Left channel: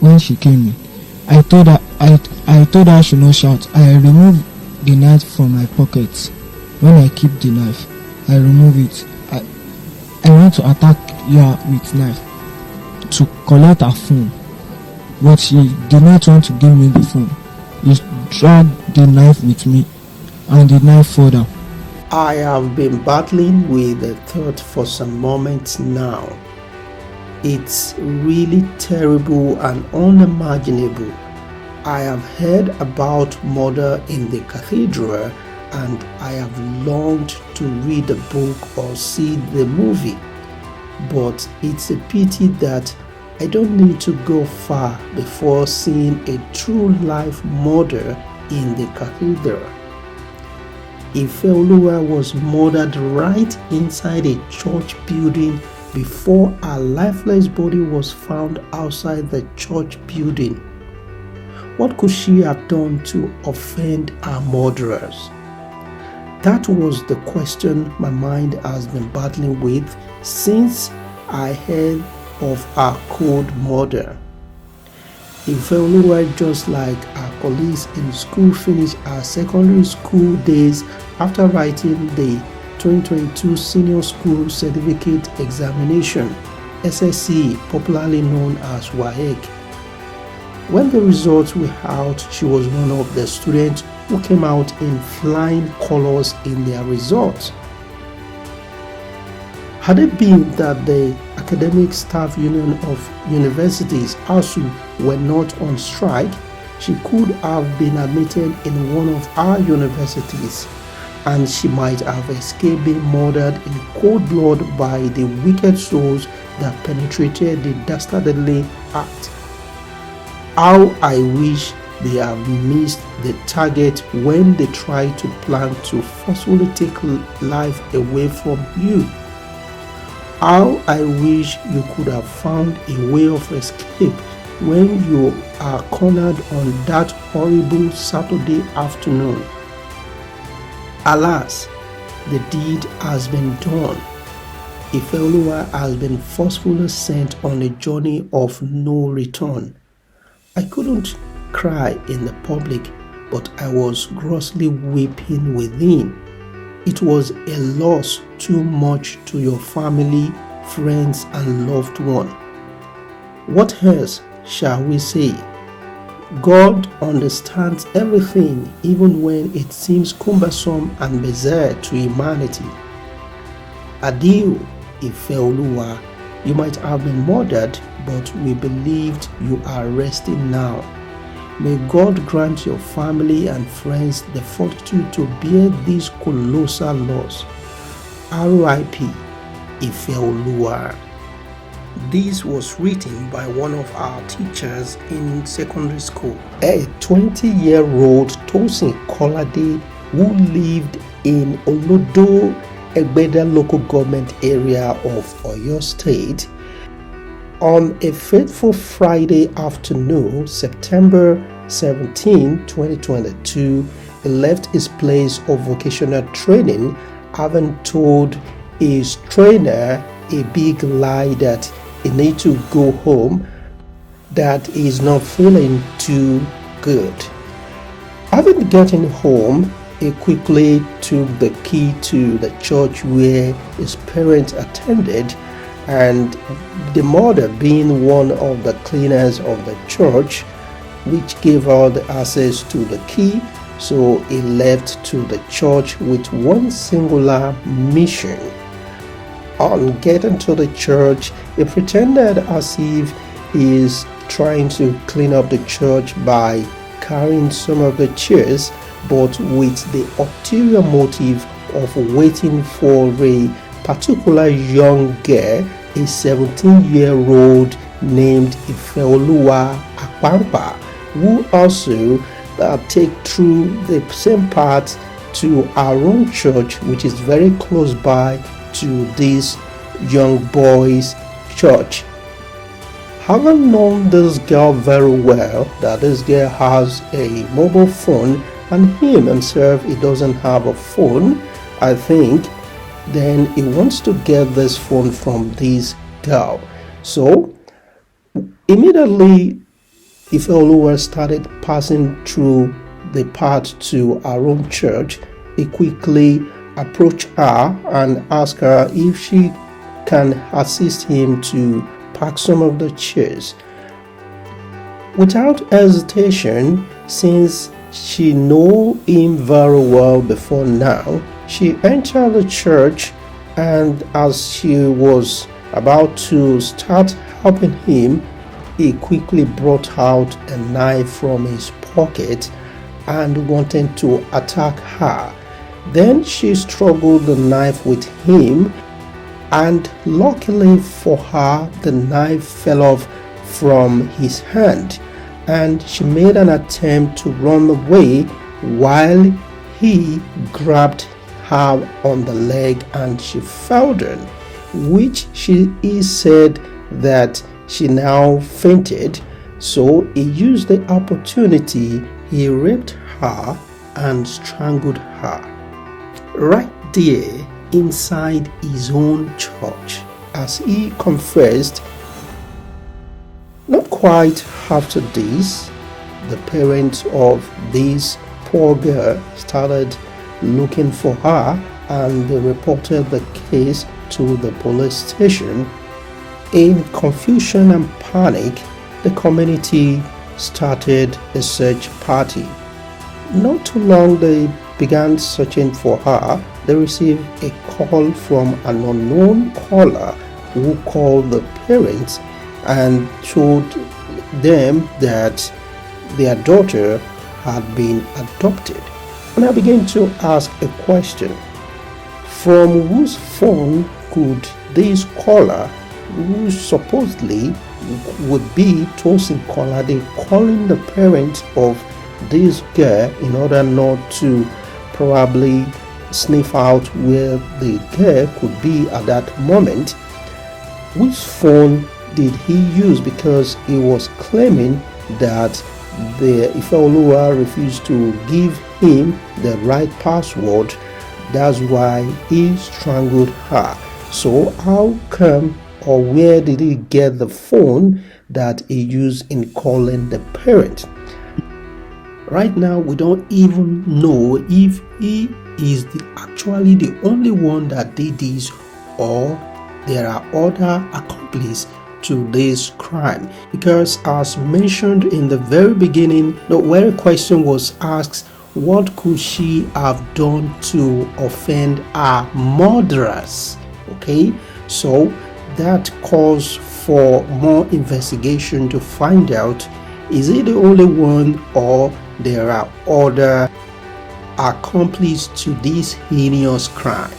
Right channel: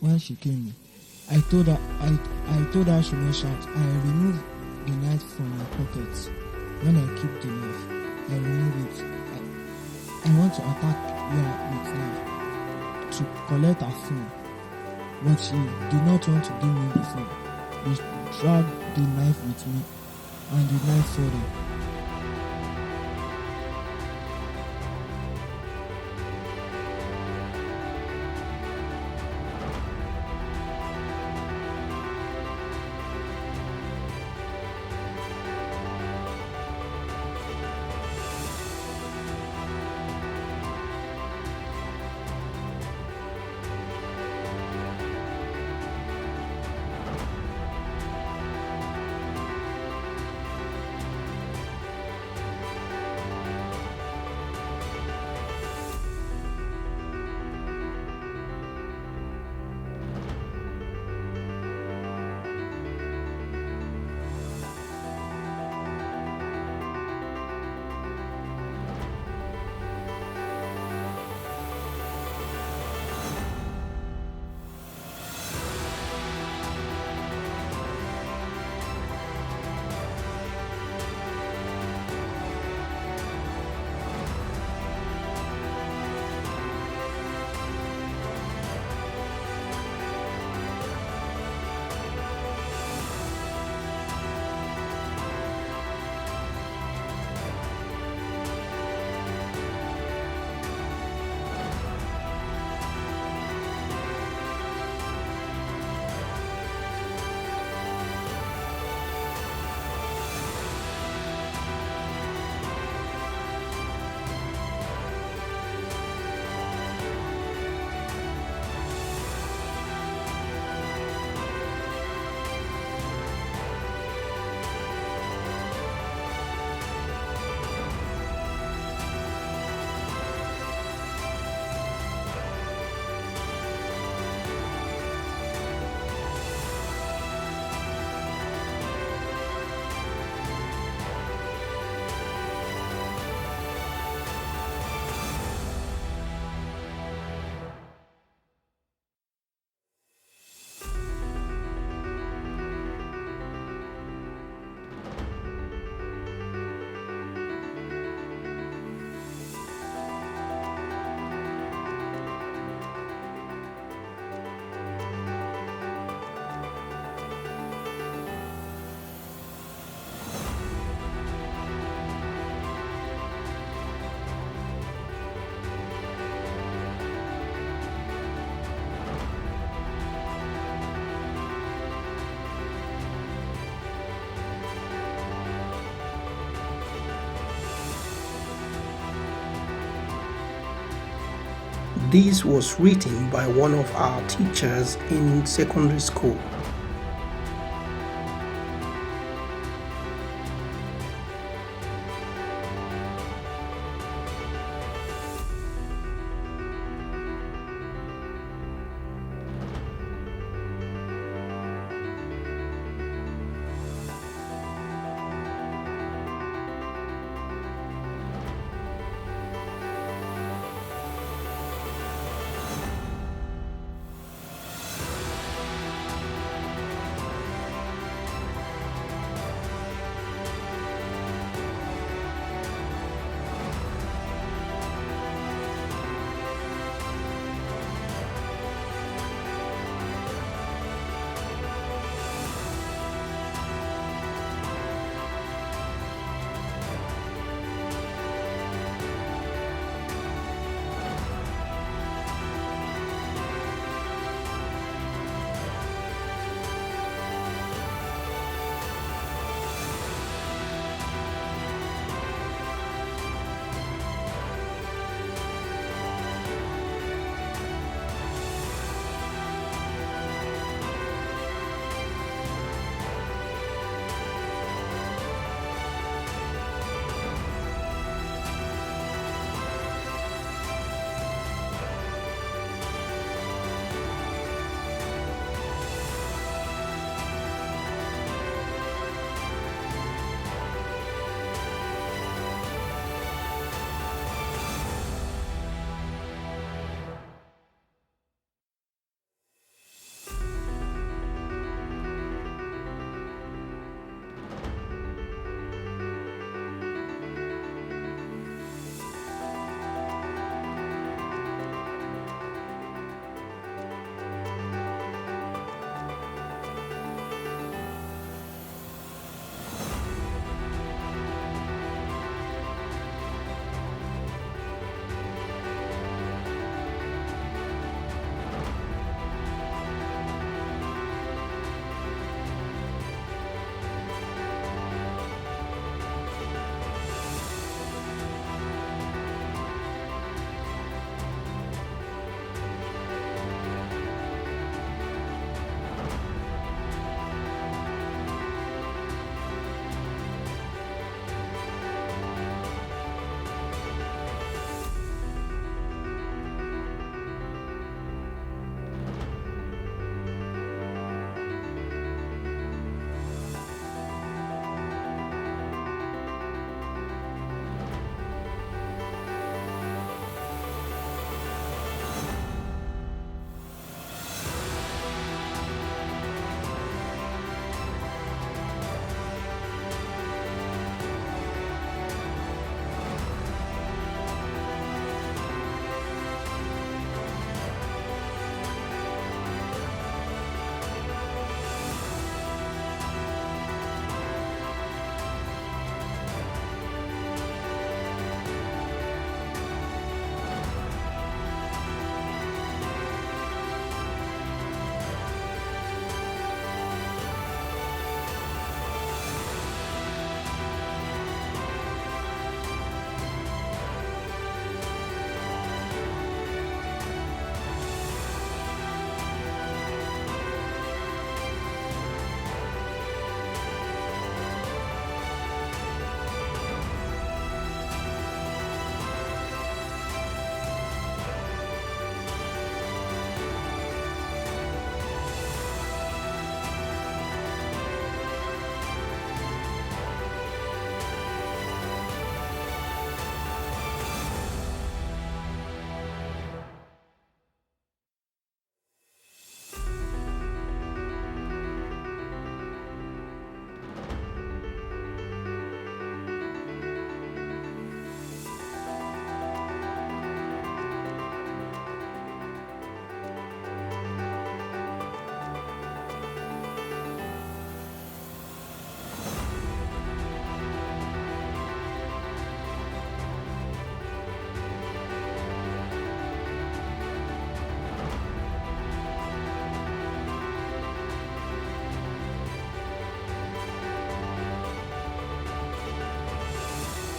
When she came in, I told her she should not shout. I removed the knife from my pocket. When I keep the knife, I remove it. I want to attack her with knife to collect her phone, but she did not want to give me the phone. She dragged the knife with me, and the knife fell down. I have been battling with the thought for some moments now. It's really terrible and unimaginable. I have heard about murder in the cathedral, and I have longed to read the book or see the movie. But it's a pity that I don't need to go far before seeing a true life murder in the cathedral. Ifeoluwa was murdered right inside a church building before her lifeless body was found outside the church building. What could she have done to offend her murderers? That was the question my mind has been battling with since I heard of her cold murder. Ifeoluwa, just like her colleagues in school, finished her secondary school days after writing the 2022 Senior School Certificate Examination, SSC, popularly known as WAEC. When the results were out, she was one of the students who came out in flying colors in their results. Had it been that the Academic Staff Union of Universities, ASU, were not on strike, she could have been admitted in one of our universities, and she might have escaped being murdered in cold blood by the wicked souls that penetrated the dastardly act. How I wish they have missed the target when they tried to plan to forcefully take life away from you. How I wish you could have found a way of escape when you are cornered on that horrible Saturday afternoon. Alas, the deed has been done. Ifeoluwa has been forcefully sent on a journey of no return. I couldn't cry in the public, but I was grossly weeping within. It was a loss too much to your family, friends, and loved one. What else shall we say? God understands everything, even when it seems cumbersome and bizarre to humanity. Adieu, Ifeoluwa. You might have been murdered, but we believed you are resting now. May God grant your family and friends the fortitude to bear this colossal loss. R.I.P. Ifeoluwa. This was written by one of our teachers in secondary school, a 20-year-old Tosin Accolade who lived in Olodo, Ibadan local government area of Oyo State. On a fateful Friday afternoon, September 17, 2022, he left his place of vocational training, having told his trainer a big lie that he needs to go home, that he is not feeling too good. Having gotten home, he quickly took the key to the church where his parents attended, and the mother being one of the cleaners of the church, which gave her the access to the key, so he left to the church with one singular mission. On getting to the church, he pretended as if he is trying to clean up the church by carrying some of the chairs, but with the ulterior motive of waiting for a particular young girl, a 17-year-old named Ifeoluwa Akpampa, who also take through the same path to our own church, which is very close by to this young boy's church. Having known this girl very well, that this girl has a mobile phone and him himself, he doesn't have a phone, I think, then he wants to get this phone from this girl. So immediately Ifeoluwa started passing through the path to her own church, he quickly approached her and asked her if she can assist him to pack some of the chairs. Without hesitation, since she knew him very well before now, she entered the church, and as she was about to start helping him, he quickly brought out a knife from his pocket and wanted to attack her. Then she struggled the knife with him, and luckily for her, the knife fell off from his hand, and she made an attempt to run away while he grabbed her on the leg and she fell down, which he said that she now fainted. So he used the opportunity, he raped her and strangled her right there inside his own church, as he confessed. Not quite after this, the parents of this poor girl started looking for her, and they reported the case to the police station. In confusion and panic, the community started a search party. Not too long they began searching for her. They received a call from an unknown caller who called the parents and told them that their daughter had been adopted. And I began to ask a question: from whose phone could this caller, who supposedly would be Tosin Accolade, calling the parents of this girl in order not to probably sniff out where the girl could be at that moment? Which phone did he use? Because he was claiming that the Ifeoluwa refused to give him the right password. That's why he strangled her. So how come, or where did he get the phone that he used in calling the parent? Right now, we don't even know if he is actually the only one that did this, or there are other accomplices to this crime. Because as mentioned in the very beginning, the very question was asked, what could she have done to offend her murderers? Okay, so that calls for more investigation to find out, is he the only one, or there are other accomplices to this heinous crime?